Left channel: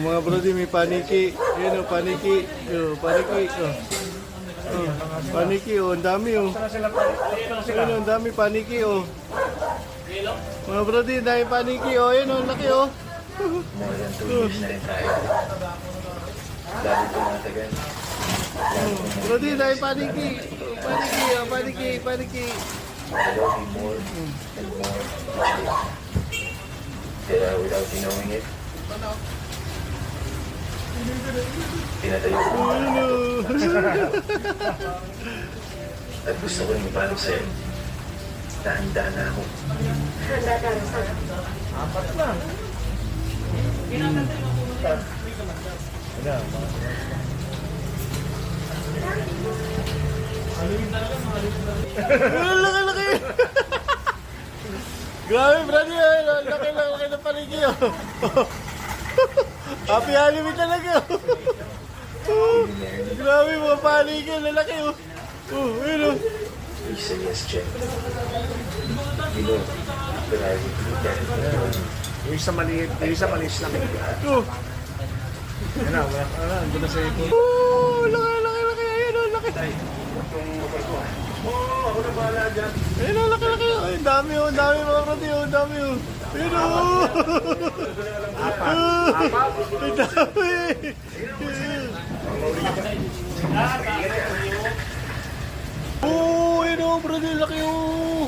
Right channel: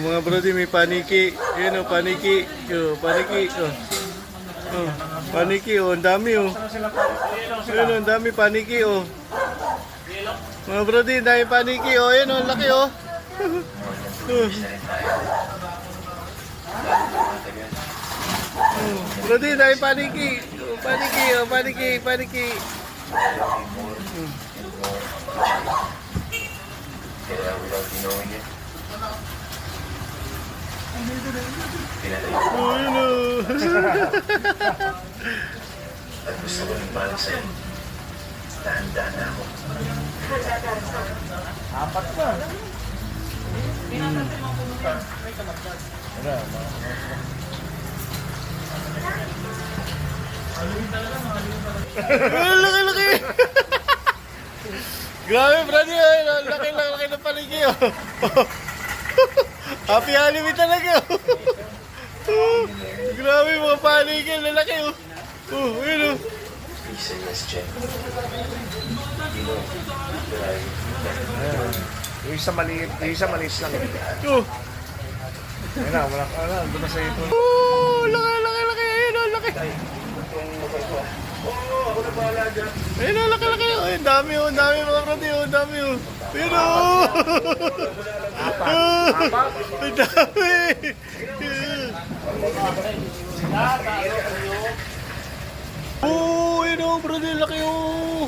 mga brody, may paniki. Yun, oh, paniki. Oh, paniki. Oh. Oh, paniki, oh, ang dami, oh. Yun, ang dami paniki, oh. Mga brody, ang dami paniki, oh. Yun, oh, ang laki, oh. Oh. Oh, brody, ang dami paniki. Oh, paniki, oh, paniki, paniki. Without knowing it. Pinatayo ko. Oh, yun, oh. At gusto ko nang ipaalam sa'yo. Dahan-dahan na ako. Apat na. Laki, laki. Grabe, brady. Laki, laki na paniki, oh. Happy Halloween talaga, oh. Grabe, mga paniki. Lalaki, oh. Oh, yun, oh. Please say yes, Jen. You know, but I... Yung isa maliit, yung isa malis lang. Oh. Wala, andun na sa ito. Oh, laki, laki, laki. Ayun, oh, laki. Ayun, oh, laki, laki. Ay, ang dami, oh. Ang dami, mga brady, oh. Ang dami, oh. Ayun, oh. Ang dami. Oh, ayun, oh, brady, laki, oh.